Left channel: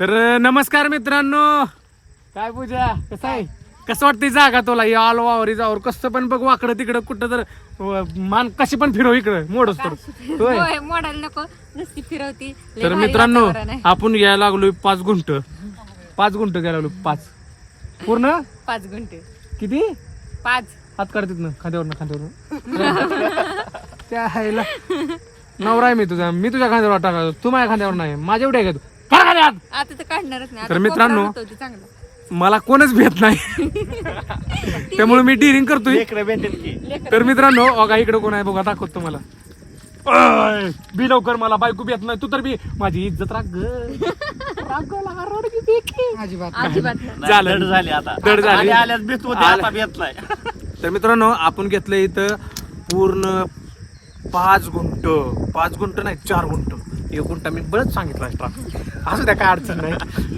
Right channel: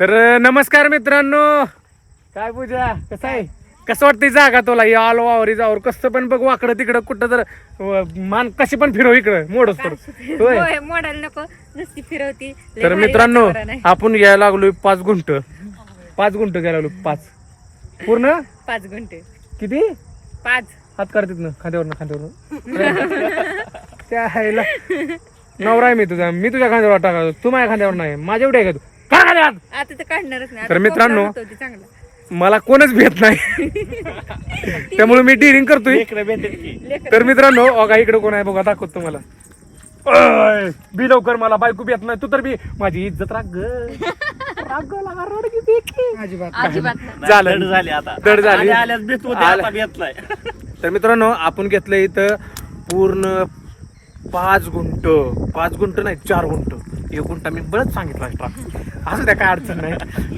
तर नमस्कार मित्रांनो, काय पूजा कसं आहे, कसं वाटतंय जागा तुला? या आलो वावरी जावर कसं पण बघ, वाकडं तिकडं कुठं तर मान कशी पण फिरव इकडं मोडच तर मॉडेल नको नुसती फिरवती. तर मित्रांनो आपण घ्यायला लागलोय 5 गुंठ घ्यायला लागलो. 5 पूर्ण 5 गुंठे किती 5 हात काढतात ना खांद्यावर त्या हायला नवरा आहे मी तुझ्या खांद्यावर टाका, तू माझ्या खांद्यावर नाही, माझ्या एवढे आहे का तू काढ खाली हात. आता तर काढणारच नाही. तर मित्रांनो चांगला मला कोणच भेट नाही त्यामुळे मी डिरिंग करतोय. तर मित्रांनो अगा इकडे कोण आहे बघा, दाखवतो तुम्हाला. बी लवकर, मला बायको भेट नाही, तू तर बी माझी इज्जत राग दड झाली. तर मित्रांनो आपण घेतलं इथं पूर्ण 5 गुंठ नाही 4 गुंठ. 1 गुंठा मी बळच सांगितलं एक्स्ट्रा, असं त्या काय अडचण नाही.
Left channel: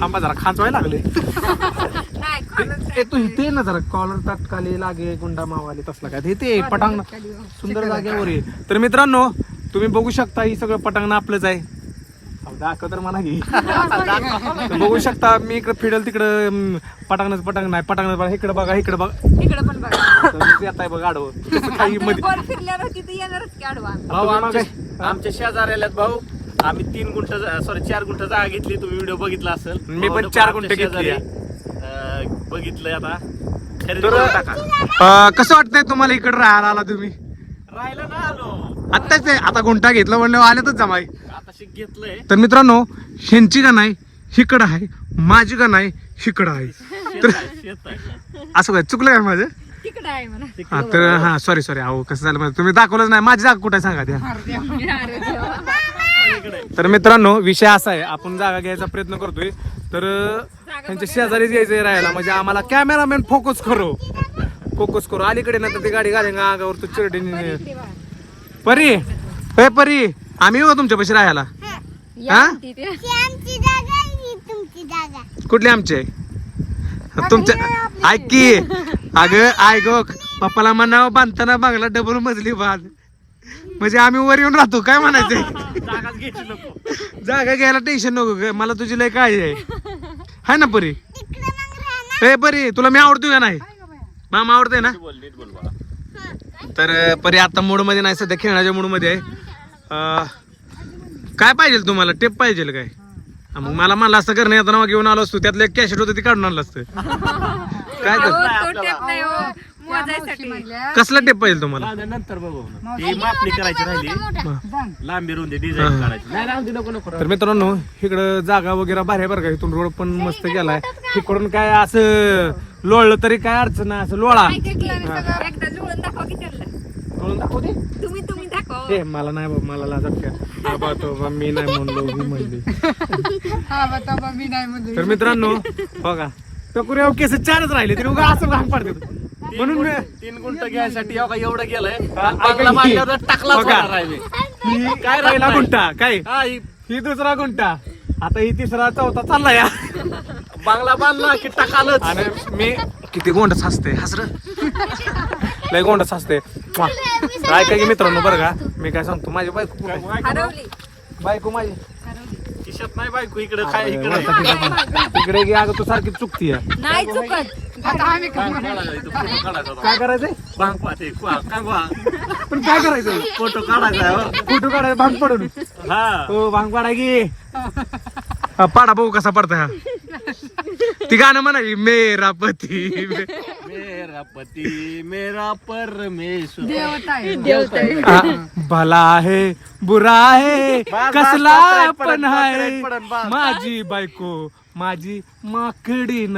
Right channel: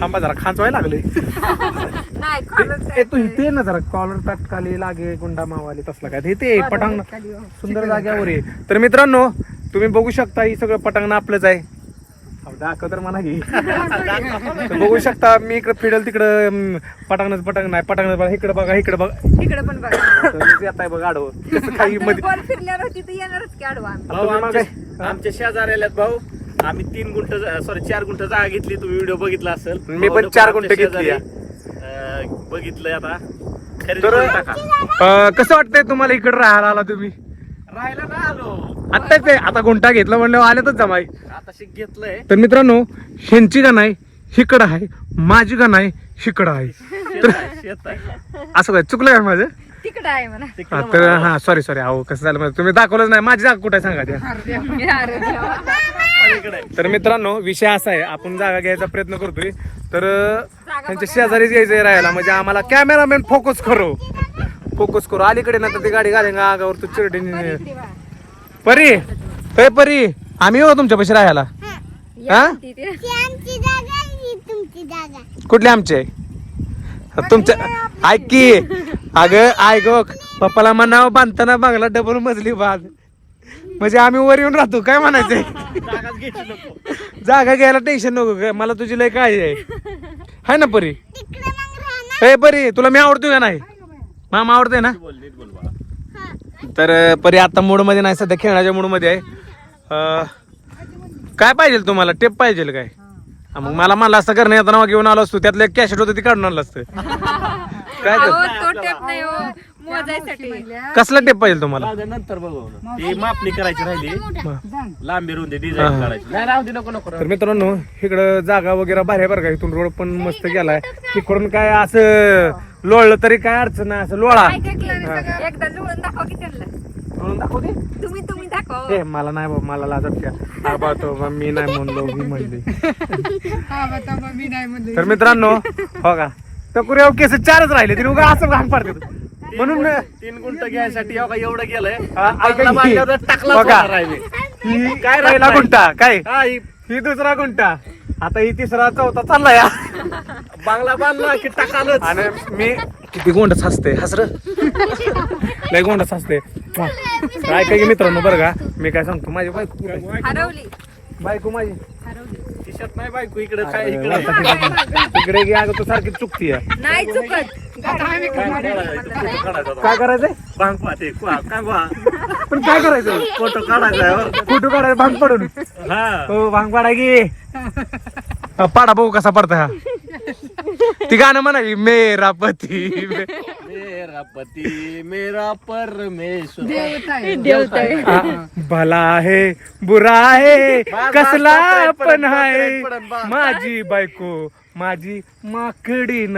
थांबा जरा खांचवायला लागले. तू इथे ना जरा कॉलर तटकाली लागे गुंडा मावाले तसला काय ते पटांगण सुंदर जाग्यावर आहे. तर मित्रांनो तुम्ही बघू शकता ही सगळं पटांगण आपलंच आहे. दाखव तर म्हणा घे. बघू शकता मी इकडे फिडल तिकडं पटांगण नाही पटांगण इकडे बघा इकडे पण बघा येत आहे बघा आडवं काही मध्ये फिरल्यावर तिथे येणारच की आडवा. आमच्या शेजाऱ्याला भाऊ आम्ही 4 गुंठ जागा घेतली. तुम्ही व्हिडिओ बघितला असेल. मी पण 4 गुंठ घेतली. बघितलंय आता. तर कसं वाटतंय तुम्हाला इकडे राहायला आला तुम्ही? राहायला ना आलो आत्ताच आता गुंठा घेतला म्हणलं आल्यातच जमाय. आता घेतलंय. तर मित्रांनो ह्यांची का नाही हिकडं आहे, माझी का नाही हिकडं आहे. तर असं काय चुकलं काय माझं? तिकडं आहे म्हणा. तर हा सॉरी अहो कसं झालं माहिती, तुम्ही दाखवलंच नाही माझी जागा कुठे सांगा त्या. तर मित्रांनो विषय असा आहे, आपण जागा घ्यायचा प्रयत्न करतोय. तर त्यांच्या शेजारीच यायचंय राहायला, म्हणजे आम्हाला कॅमेरामॅन फोकस करू अलीकडे ना तर ती गाडी घालेंगा अंगावर तू चिरडे. परी आम्ही येऊ तुमच्या पैसे राहायला. हा कुठले आमचे तुमच्या? ऐक की अगं ऐक पप्पाला म्हणावं बांधताना बांगला डबल मजली बांध, म्हणजे आम्ही वर येऊन राहतो. काय म्हणायचंय? जागा घ्यायला टेन्शन नको, मला तुझी लय काळजी आहे ना परी? हे परी तुला मी आवडतोय का नाही? मामा आवडतोय ना? तर परी आता मूड मध्ये नाही, सध्या खेळण्याच्या मूड मध्ये आहे. काय पाहिजे तुम्हाला? टेप पाहिजे काय? मग मला म्हणलं असतं करणे येताना घेऊन आलो असतो, त्यातलं एक कॅशेट होतं ती काढून आणलं असतं. काय तर कसला टेप पाहिजे तुम्हाला? नंतर बघू ती मापणी करायची राहिली, लांबी रुंदी डिझाईन काढायची. तर मित्रांनो इकडं जागा वगैरे भारी बरं का, इथून रोड पण मस्त गेलाय. इकडून काय असं लोळलं तरी काय अडचण नाही, असं लोळा एकदा जुळून दाखवा की त्यांना. लोळून दाखवते. तुम्ही दाखवा. ए मला नाही बाबा, मला लाजत का तो मी नाही म्हणलो मी म्हणले. तर मित्रांनो हो का टकुऱ्या केस 4च राहिले तरी उगा असं घाण पाडते म्हणून 3 गुंठ घ्यायसाठी एवढं गेलंय. काय राहिला गुंठा काय? ही 2रा गुंठा, आता ही 3रा 4था चालला या बांगला बांधला की टाकालच. आणि मी किती गोंडच हसते हसर नाही गोंडच हसते. ऐका की मित्रांनो बरं का मी काय सांगतो, माझी बायको कुठे? बायको माझी किशात नाही बायको इकडे काय तिकडे गे अगं तू सारखी चुकती नाही चुकत. काय करायचंय? भांग पाहते पण काय करायचं? फोटो काढायचा. फोटो काढायचा भांग पाडून. हो भांग पाडा की पाडा बघू कसा पडता हा. ती गाणं म्हणाली मेरा पती मेरा परमेश्वर भला आहे बुरा आहे कसला पण आहे माझी बायको माझी माकडी न.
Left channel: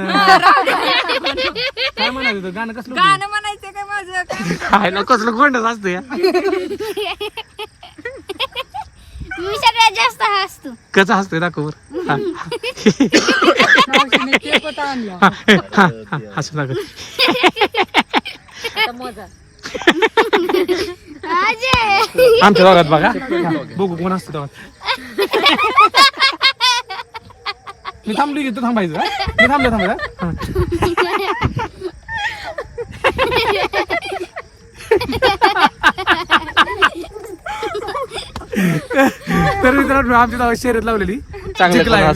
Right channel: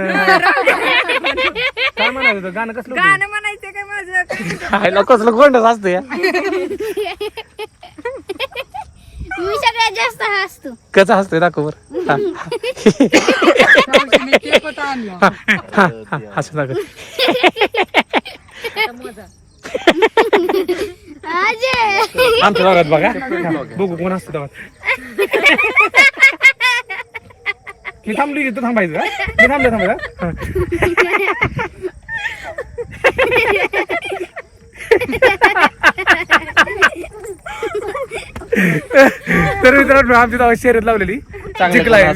काय म्हणायचं गाणं? कसलं गाणं म्हणायचं काय माझं? आयला कसलं गोंडच असतं या. मी सगळ्यात जास्त हसतो. कसं हसतोय दाखव बर. हसू दाखव. आमच्या दारात बघा बघू कोण असतं दारात. मी थांबली की तू थांबायचं का? मी थांबायचं. तर मित्रांनो आमची शर्यत लावलेली जिंकलाय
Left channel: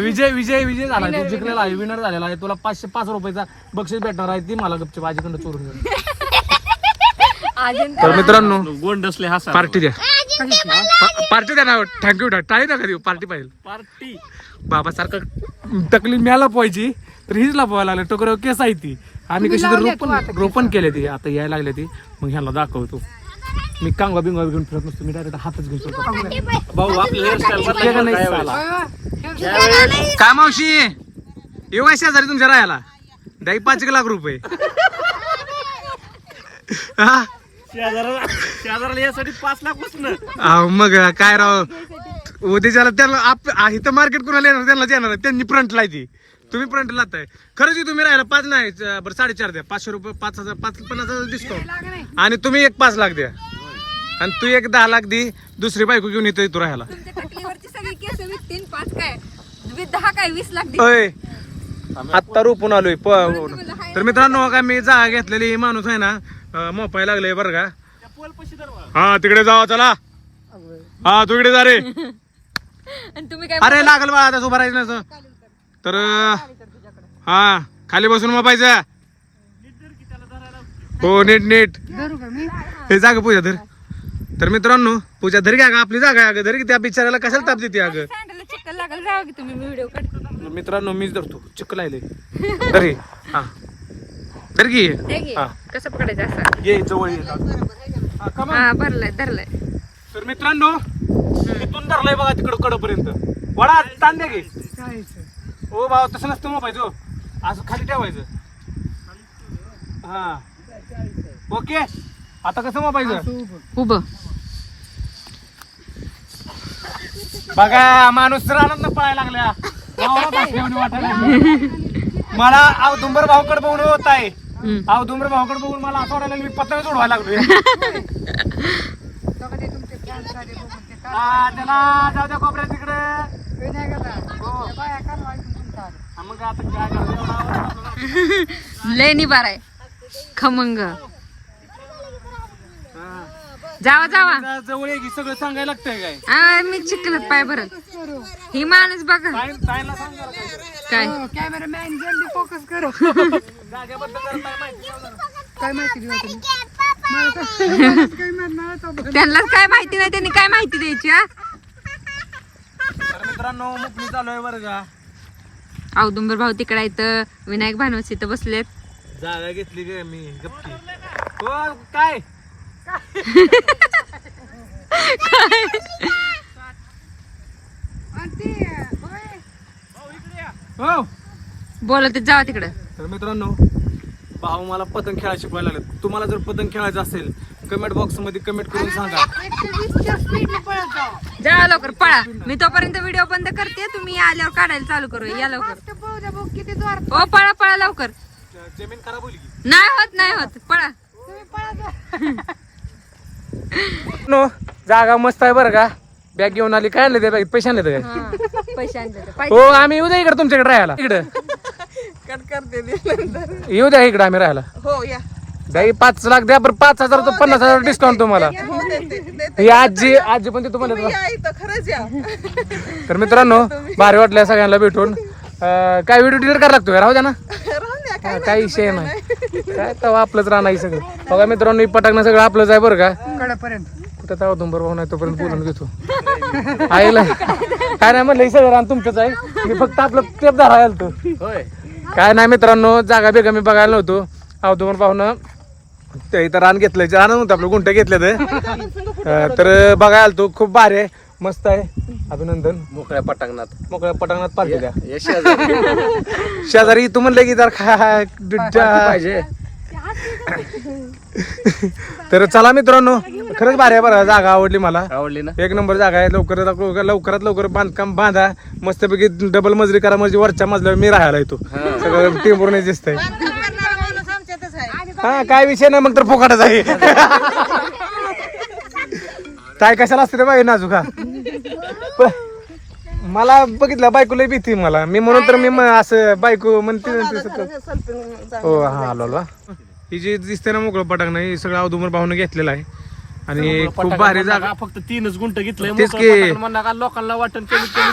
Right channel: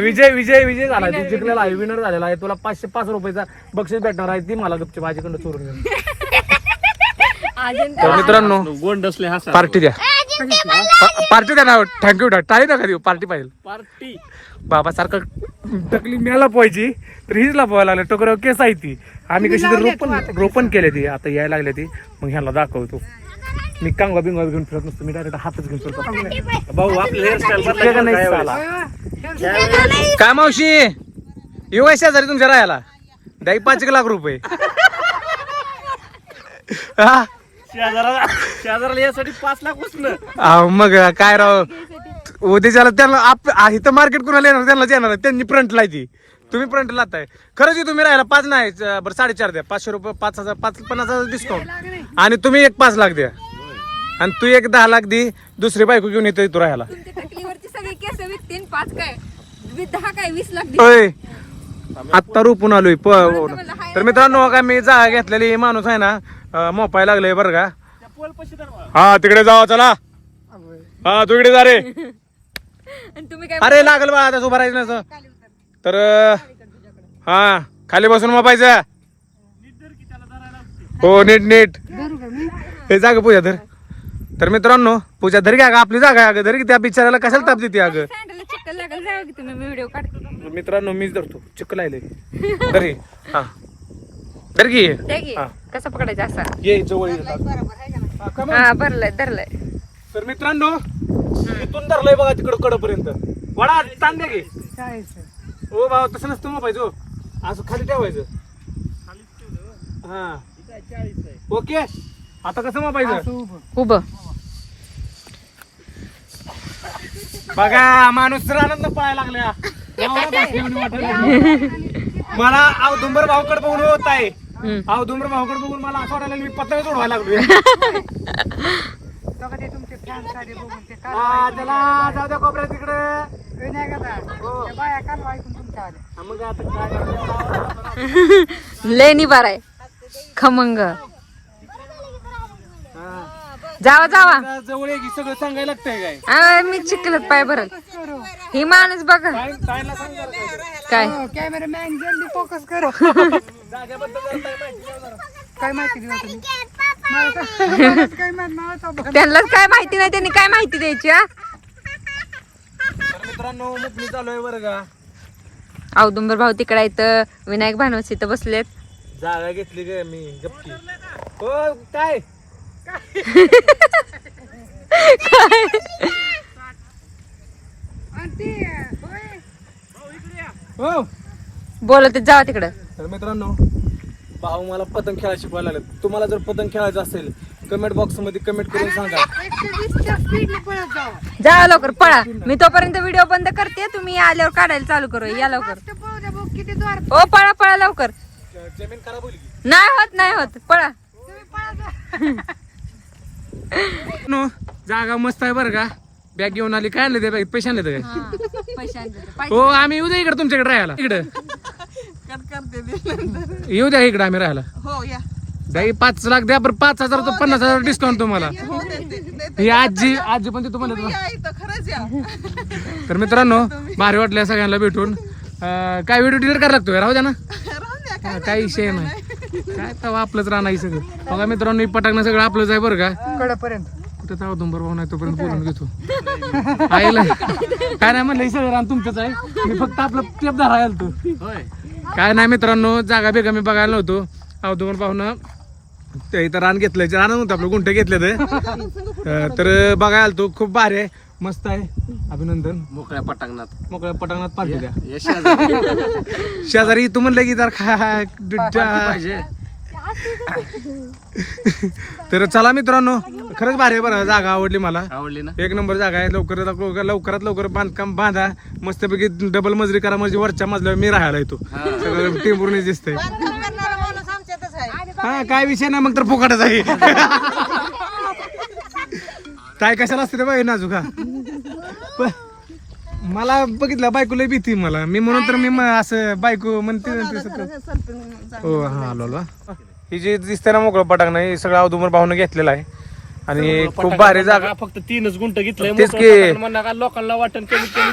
विजय विजय विजय झालाय तू जिंकलेला आहे विनर झालेला आहे तुला 505 रुपयाचा बक्षीस भेटणार आहे ती मला गपची भाजीकडनं चोरून घेऊन तर मित्रांनो गोंड असले हा पार्टी द्या पार्टी द्या ना थँक्यू टाळी नका देऊ पार्टी पाहिजे पार्टी बाबा सारखं टकली म्याला पोहायची तर हीच पोहायला लागलं टोकऱ्यावर केस आहे ती आम्ही कशी तर रोपण केले ती आता यायला लागले ती मग ह्याला दाखवतो मी कांगवा बिंगवा घेऊन फिरत नसतो मी डायरेक्ट हातच घेऊन फिरतो भाऊ आपलं हेअरस्टाईल काय मावशी येऊ आहे शेजारी तुमच्या राहायला द्या 5 लाख रुपये हा शेजाराला यासाठी 5 लाख उचलं अहो, मग काय राव उद्याच्याला त्यांना इथं मार्केट कुणाला येणार त्यांनाच येणार त्यांनी फ्रंट लायची तुम्ही फ्रंट लाताय खरंच तुम्ही राहायला 5 नाही बरं 4.5 द्या 500 रुपये 5,000 50,000 डिस्काउंट आणि तुम्ही एक 5 लाख द्या आणि तू एक 10 लाख दे दुसरी बायको घेऊन येतो तू राहायला तुमच्या टकलीवरची सगळी केस विकतीन 5 काय 10 काय 20 लाख दे. होय आत्ता रुपून आलोय तर मित्रांनो का मी जागा घेतलेली माणूस आहे ना मोपाय लागले बरं का हा तिकडे जावा चला हा तू इकडे जा रे आणि तुम्ही काय अरे लागल बा आता उभं राहायचं नसं तर हा खाली बसून मोपायचं हो नीट नीट हे जागा पूजा धर तर मित्रांनो पूजा धर घ्या आपली जागा आहे अगं धर की त्या बिचाराला कशाला ताप देते अगं सँडलला चिकल लागल जाऊ की तुम्ही व्हिडिओ काढतो मित्रांनो मीच धरतो चिक्क लायले धर घे. हा धर की ते घे. हा. कसं पकडायचं असं ये जवळ ये हा, come on. हा भरलंय धरलंय तर मित्रांनो इथून धरलंय बघा तिकडं कडपर्यंत वडा ताण द्या की ओ भाऊ तसं नसतं मोबाईल असं खाली ठेवायचं हा ओके आता कसं मोबाईल उभं बघा माणूस रानात पळायला लागल्या वावरात असल्यावानी वाटायला लागली. मला औदुंबर भाऊकडे बघून होत आहे औदुंबर भाऊकडे बघून मला असं वाटायला लागलं मी पतंग सोडवायला लागलो हा त्याला जाऊ द्या कोपऱ्यात तिकडे हो. हा, मग आता काय करायचं एवढा आवाज आपला ना. लय निबार आहे खमंग हा. जावा जावा जवळ ये की सगळं सांगायला लागतंय काय आ, मी चिकलत पाय भरल ही माणूस बघा ताईला सांग जरा काय काय कॅमेरामॅन जल्दी फोकस करो जागेबद्दल जरा काय माहिती द्या जरा. काय माहिती घेऊ तुम्ही काय म्हणणार होता त्यांनाच काय माहिती नाही त्यांनी काय माहिती द्यायची हा तर मित्रांनो मुकणी चालू आहे बरं का औदुंबर भाऊ तिकडे इथं विनायक भानवस इथं बसलेत जागा घेतली ग मी गप्पी हो काय हो बोलत जावा तिकडं तर मित्रांनो भाऊ मला पतंग खेळायला शिकवायला लागले तुम्हाला जर पतंग खेळायचं असेल कमेंट बॉक्स मध्ये कमेंट करून सांगा 120च्या स्पीडने पळत जावा जावा लवकर पळा मी तोपर्यंत व्हिडिओ बंद करते तुम्ही आल्यावर काढायला चालू करू या लवकर ते पळू द्या बघ किती जोर ओ पळा पळा लवकर जमीन खराब होईल की नाही होत पळा तुम्ही पळा नो जागा मस्त आहे बरं का बॅग घेऊन आली काय आणलं त्या बॅगेत पैसे आणले काय पैसे आणले हो आम्ही येऊ द्या इकडे तुमच्याकडे राहायला इकडे येऊ द्या इकडे आम्ही राहायला हो या द्या 5 लाख द्या बरं 5,000 तर 50,000 डिस्काउंट तुम्हाला ही आजी पण तिथं म्हणत खरंच या तर मित्रांनो भारी वाटल्या सगळ्यांना भेटून काय व्हिडिओ डिलीट करायला लागतो राहू द्या ना हा, काही विषय नाही काय तेव्हा आपलंच राहणार सगळं बघा मित्रांनो ही पटाकणं सगळं आपलंच आहे बरं का कडापर्यंत कुठं तेव्हा तुंबर भाऊ नाही तोपर्यंत बोलून घेतो आईला काय नाही म्हणलं हे सगळं रान तुमचंच आहे मी फक्त आपलं टेप धरायला आलतो होय काय नाही मित्रांनो जागा बेगा मी बघायला नव्हतो अवधूमर भाऊनं ते इथं रान घेतलं रान नव्हतं आपलं गुंठ घेतलं तर बघायला आलतो खूप भारी आहे मस्त आहे अभिनंदन मोकळ्या पटांगणात मोकळ्या पटांगणात पार्टी द्या या शेजारी शेजारी तू म्हणलं की जर पाहिजे तर चला मित्रांनो खरंच भारी आहे बरं जागा आवडली मला आवडली ना एक नंबर जागा आहे लवकरात लवकर बांधकाम बांधा मस्तपैकी डबल मजरी करा म्हणजे वरच्या मजल्यावर मी राहायला येतो सगळं टेम्पोर दिसतंय हा काय विषय नाही मग तर फुकाटच आहे काय कशाला असते रे बाई नाजुका मला बघितलं बायको लय भीती मला मी म्हणून तर मी असं बायको म्हणते हो हा आलो ही जी दिसते ना मोकळं पटाक नाही सगळं अवधूमर भाऊन घेतलेलं आहे आणि खूप भारी जागा. फक्त 3च गुंठ घेतलंय. तेच मोकळं की. पटांगण म्हणणार का लोकांना वाटण कमीत कमी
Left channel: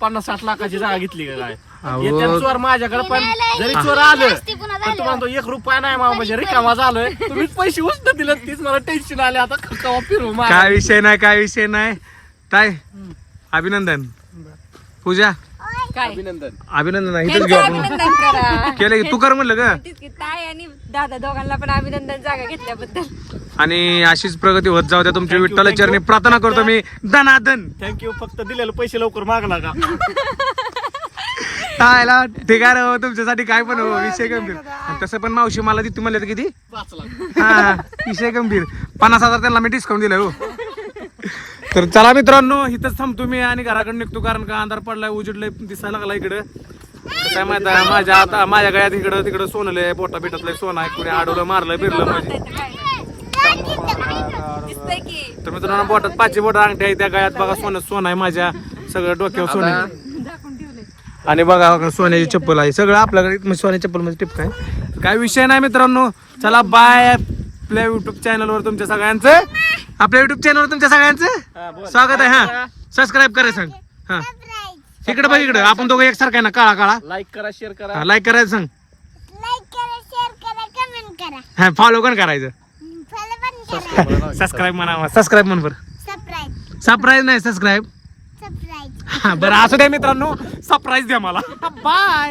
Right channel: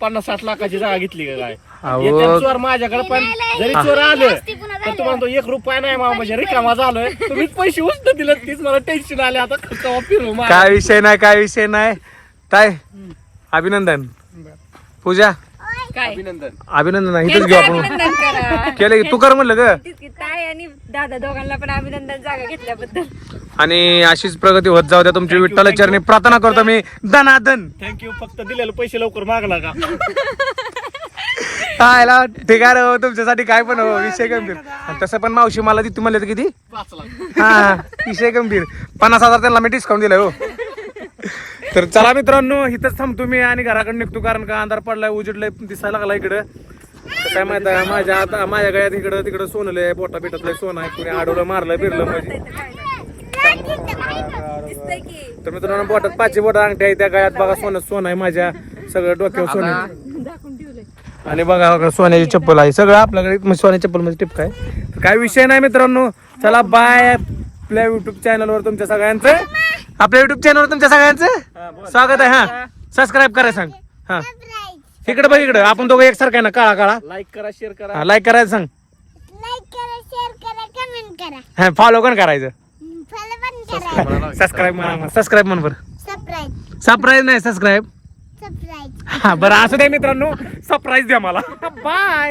50-60 लाखाची जागा घेतली का काय. अहो. येत्या चोर माझ्याकडे पण जरी चोर आलं तर तुम्हाला तो 1 रुपया नाही मामा म्हणजे रिकामा झालोय. तुम्ही पैसे उचल दिलं तीच मला टेन्शन आले आता केव्हा फिरू मागं. काय विषय नाही काय अभिनंदन. पूजा काय अभिनंदन इथेच घेऊ आपण. अभिनंदन करा. केलं की तू कर म्हणलं ग. तेच की ताई आणि दादा दोघांना पण अभिनंदन जागा घेतल्याबद्दल. आणि अशीच प्रगती होत जाऊ द्या तुमची. विठ्ठल चरणी प्रार्थना करतो मी दनादन. थँक्यू. फक्त दिलेले पैसे लवकर मागला का. काय ठीक आहे रे, तुमच्यासाठी काय पण हो विषय गंभीर. आणि तसं पण मावशी मला ती म्हणले किती 5 लाख. हा विषय गंभीर. 50,000 त्यांना मी डिस्काउंट दिलाय हो. तर चला मित्रांनो इथंच थांबतो मी आणि घराकडे निघतो कारण का अंधार पडलाय उजेडलाय दिसायला लागला इकडं. काय माहित आहे माझ्या गळ्यात इकडं तिकडं सोनलंय बोटा बिटातलंय सोनं आहे. कुणी आडवलं मारलं फिरलं म्हणजे. दिसतंय की तर मित्रांनो बोटात 5 बोट अंगठ्या आहे त्या गळ्यात बघा सोनं आहे माझ्या सगळं डोक्यावर सोनं आहे. दाखवून ठेवलंय. आणि बघा सोन्याची चप्पल आहे सगळं आपल्याकडे सोन्याची चप्पल म्हणजे टिपक आहे. काय विषय नाही मित्रांनो. चला बाय. आपल्या युट्यूब चॅनलवर तुमच्या सगळ्यांचं स्वागत आहे. हा सबस्क्राईब करा सांग. हा इकडे बघ इकडे आपण दोघं एकसारखं आहे ना काळा काळा. लाईक करा शेअर करा. लाईक करायचं सांग. लाईक करा, शेअर करा, कमेंट करा, हा फॉलो पण करायचं. फॉलो पण करा. सबस्क्राईब म्हणा. सबस्क्राईब म्हण बरं. सबस्क्राईब सरप्राईज नाही सबस्क्राईब. सबस्क्राईब. हा बरं असू द्या मित्रांनो सरप्राईज द्या मला. बाय.